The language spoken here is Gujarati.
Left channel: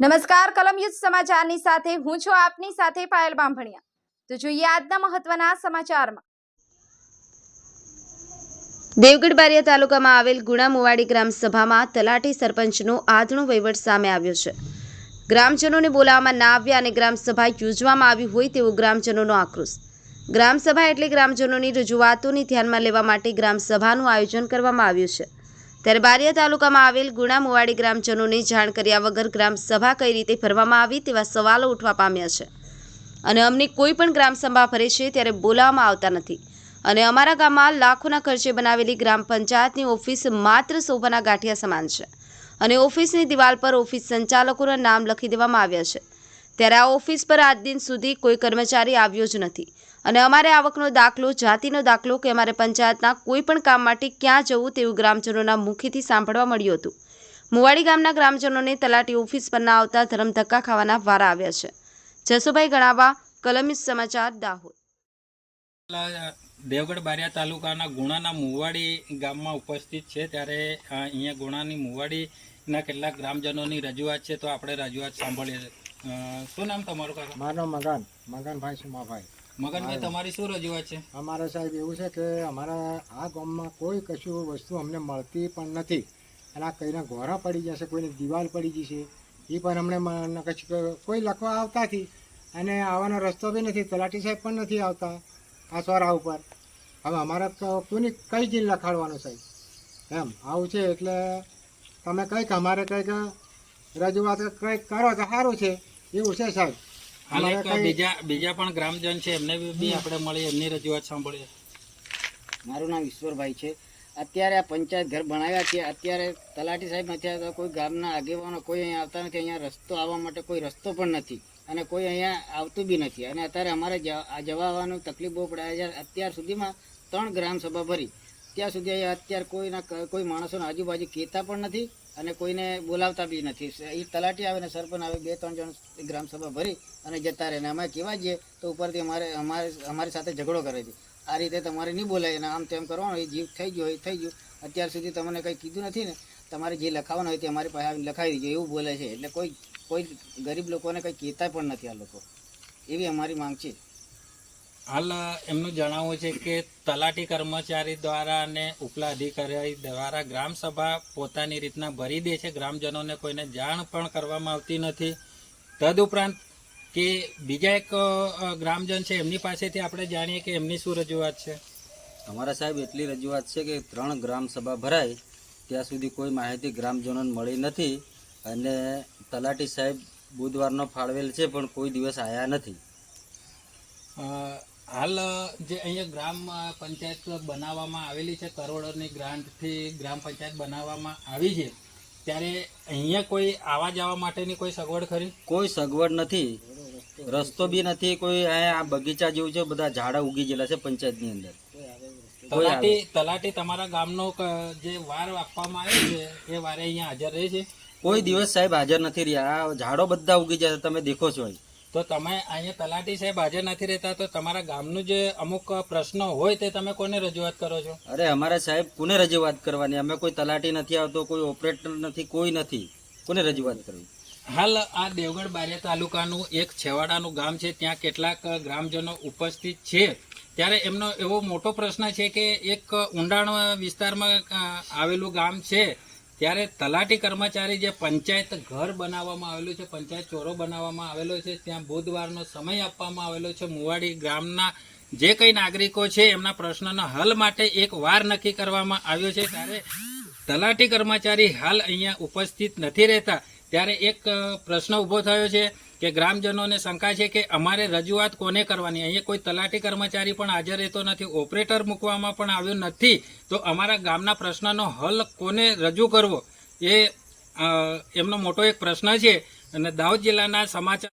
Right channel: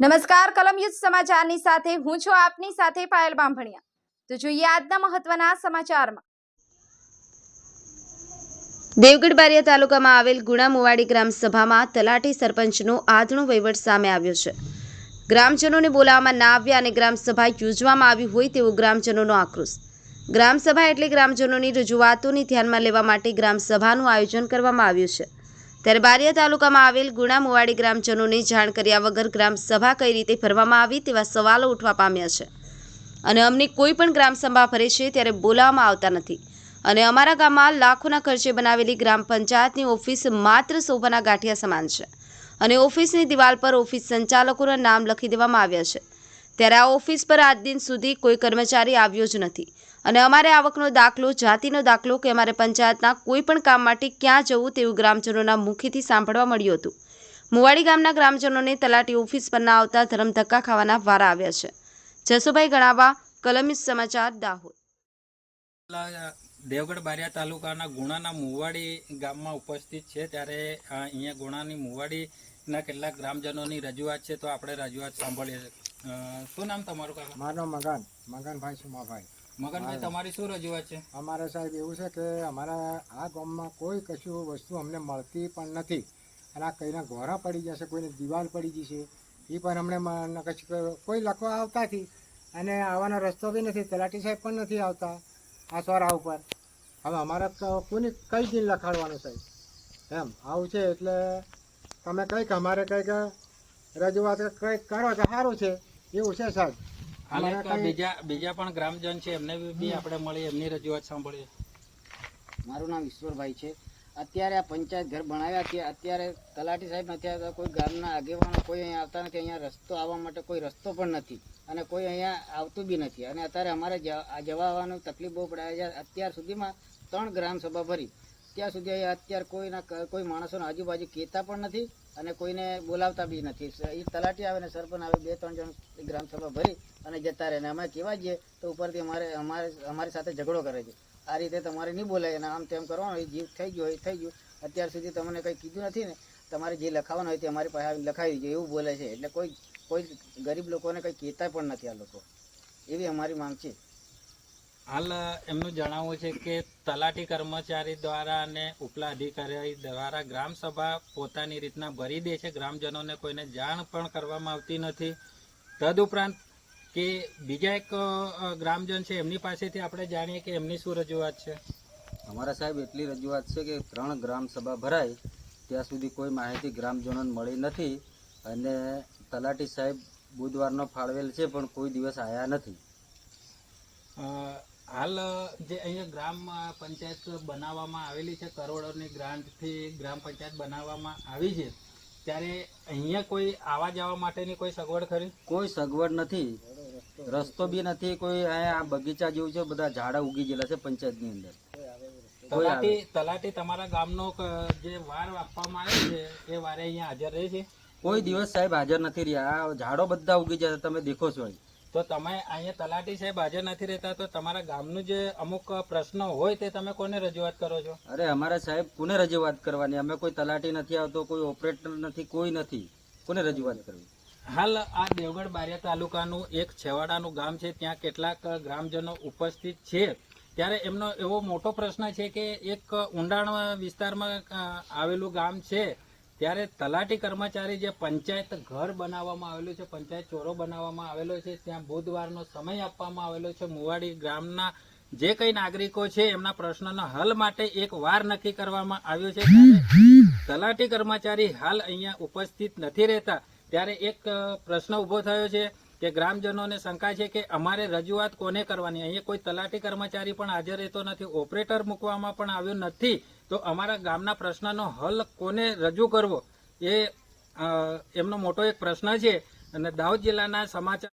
નમસ્કાર કલમ યુદ્ધ સમાચારની સાથે હું છું આપની સાથે પાયલ બાંભણિયા। તો જોઈએ આજના મહત્વના સમાચારમાં। દેવગઢ બારિયા તાલુકામાં આવેલ ગુણા મુવાડી ગ્રામ સભામાં તલાટી સરપંચનો આધણો વહીવટ સામે આવ્યો છે। ગ્રામજનોને બોલાવવામાં ના આવ્યા અને ગ્રામ સભા યોજવામાં આવી હોય તેવો ગ્રામજનોનો આક્રોશ। ગ્રામ સભા એટલે ગ્રામજનોની રજૂઆતોને ધ્યાનમાં લેવા માટે ગ્રામ સભાનું આયોજન કરવામાં આવ્યું છે। ત્યારે બારિયા તાલુકામાં આવેલ ગુણા મુવાડી ગ્રામજનોને જાણ કર્યા વગર ગ્રામ સભા કઈ રીતે ભરવામાં આવી તેવા સવાલો ઉઠવા પામ્યા છે અને અમને કોઈ પણ ગ્રામ સભા ભરે છે ત્યારે બોલાવવામાં આવતા નથી અને અમારા ગામમાં લાખોના ખર્ચે બનાવેલી ગ્રામ પંચાયતની ઓફિસ માત્ર શોભાના ગાંઠિયા સમાન છે અને ઓફિસની દિવાલ પર ઓફિસ સંચાલકોના નામ લખી દેવામાં આવ્યા છે। ત્યારે આ ઓફિસ પર આજ દિન સુધી કોઈ કર્મચારી આવ્યો જ નથી અને અમારે આવકનો દાખલો, જાતિનો દાખલો કે અમારે પંચાયતના કોઈ પણ કામ માટે ક્યાં જવું તેવું ગ્રામજનોના મુખેથી સાંભળવા મળ્યું હતું। મુવાડી ગામના ગ્રામજનોને તલાટી ઓફિસ પર ના આવતા ધરમ ધક્કા ખાવાના વારા આવ્યા છે। જસુભાઈ ગણાવા, કલમ યુદ્ધ સમાચાર, દાહોદ। દેવગઢ બારિયા તાલુકાના ગુણાના મુવાડી ગામમાં ઉપસ્થિત છે ત્યારે અહીંયા ગુણાની મુવાડીના કેટલાક ગ્રામજનોની રજૂઆત છે, તો આપણે રજૂઆત સાંભળીએ। શું નામ તમારું કાકા? મારું મગનભાઈ સુમાભાઈ। મગનભાઈ, તમારી શું રજૂઆત છે? અમારે સાહેબ એવું છે કે અમારા આ ગામમાં કોઈ કશું વસ્તુ અમને મળતી પણ નથી અને આ કઈના ઘોરા પડી જશે, કોઈની દિવાલ પડી જશે એ પણ અમને કશું કોઈ લખવા આવતા નથી અને આવવાનો રસ્તો બી નથી, તલાટી સાહેબ પણ નથી આવતા આ સોરા ઉપર। હવે અમારે કોની કઈ જ લખાડવાનું સાહેબ એમ આવું છે એટલે તમે કંઈક અમારે કંઈક રજૂઆત કંઈક કરો તો સારું છે એવું છે સાહેબ। બીજા પણ ગ્રામજન છે એમને બી આપણે મળી એમની રજૂઆત સાંભળીએ। મારું નામ ઈશ્વરભાઈ છે। અત્યારે આ પંચાયત ઘર બનાવ્યા છે, અત્યારે તલાટી સાહેબ નથી આવતા, કોઈ ગામના આગેવાનો કોઈ અહીંયા આવતા નથી, અહીંયા રસ્તો આવવા માટે કોઈ રસ્તો પણ નથી અને કોઈ અહીંયા આવતું બી નથી અને અત્યારે અમારે જવા આવવાનું તકલીફ બહુ પડે છે। અત્યાર સુધીમાં 3 ગ્રામસભા ભરી, ત્યાં સુધી અહીંયા અત્યારે કોઈ માણસોને આજુબાજુ કહેતા પણ નથી અને કોઈને બોલાવતા બી નથી। એ તલાટી આવે ને સરપંચ આવે, 2-3 જણ ગ્રામસભા ભરી અને જતા રહે ને અમે કહેવા જઈએ તો ઉપરથી અમારી સાથે ઝઘડો કરે છે, આ રીતે તમારે નહીં બોલાય અને આમ તેમ કરવાનું, એ જીવ થઈ ગયો એ થઈ ગયું, અત્યાર સુધી તમને કંઈ કીધું નથી ને, તમારે જે લખાવવાનું હોય તે અમારી પાસે લખાવી દીધું એવું બોલે છે। એટલે કોઈ ગરીબ લોકોને કંઈ કહેતા પણ નથી આ લોકો, એવી અમારી માંગ છે। હાલ એમનું જણાવવું છે કે તલાટી કર્મચારી દ્વારા અને ઉપલા અધિકારી દ્વારા ગ્રામસભા પોતાની રીતના ભરી દે છે, ગ્રામજનોને કોઈને જાણ પણ કરવામાં આવતી નથી। તદુપરાંત કે બીજા એક ગ્રામજન છે એમની પાસેથી આપણે જાણીએ કે એમની શું રજૂઆત છે। અમારા સાહેબ એટલી રજૂઆત છે કે 3 ગ્રામસભા ભરાય ત્યાં સુધી કોઈ માહિતી ગ્રામજનોને મળી નથી અને તલાટી સાહેબ બુધવારનો ફાળવેલ છે પણ કોઈ દિવસ આવ્યા નથી। હાલ જે અહીંયા ગ્રામ પંચાયત બનાવવામાં આવેલી છે, કરોડોની ગ્રાન્ટથી ગ્રામ પંચાયત બનાવવામાં આવી છે, ત્યારે અહીંયા કોઈ આવવા જવા માટેની કોઈ સગવડ ખરી? કોઈ સગવડ નથી, રસ્તો બી નથી, કોઈ આ બગીચા જેવું છે, બધા ઝાડા ઉગી ગયેલા છે પંચાયતની અંદર। તલાટી તમારા ગામનો જે વાર આપવામાં આવ્યો છે એ વારે અહીંયા હાજર રહે છે? કોઈ દિવસ સાહેબ હાજર નથી રહ્યા, આ ઝાડો બધા ઉગી જાય તમે દેખો છો। તો તમે અહીંયા તલાટી સાહેબ હાજર નથી રહેતા તો તમારા ગામનું જે અમુક પ્રશ્નો હોય તે તમે કોને રજૂઆત કરો છો? અરે અમારે સાહેબ કોને રજૂઆત કરવાની, અમે કોઈ તલાટી નથી આવતો, કોઈ ઓપરેટર નથી, કોઈ નથી, કોને રજૂઆત કરવી? હાલ આ દેવગઢ બારિયા તાલુકાનું એક છેવાડાનું ગામ છે, ત્યાં કેટલાક ગ્રામજનો ઉપસ્થિત છે, ત્યારે એમનો એવો મોટો પ્રશ્ન છે કે એક ઊંડાણ વિસ્તારમાં આવેલું ગામ છે, ત્યારે તલાટી કર્મચારી જે પંચાયત ઘર બનાવવામાં આવેલું છે, પંચાયત ચોરો બનાવવામાં આવેલો છે, ત્યાં બુધવારનો સમય આપવામાં આવેલો છે, મુવાડી ગામના જે કંઈ નાગરિકો છે એમના પ્રશ્નનો હલ માટે એક વાર નક્કી કરવામાં આવ્યો છે, તલાટી કર્મચારી હાલ અહીંયા ઉપસ્થિત નથી રહેતા, ત્યારે એક પ્રશ્ન ઊભો થયો છે કે ગ્રામજનોને શંકા છે કે અમારે રજૂઆત કોને કરવાની? અહીંયા કોઈ તલાટી કર્મચારી પણ હાજર રહેતો નથી, ઓપરેટર મૂકવામાં પણ આવ્યો નથી, તો અમારા ગામના પ્રશ્નનો હલ કોને રજૂ કરવો એ એમનો મોટો એક પ્રશ્ન છે। અને દાહોદ જિલ્લાના સમાચાર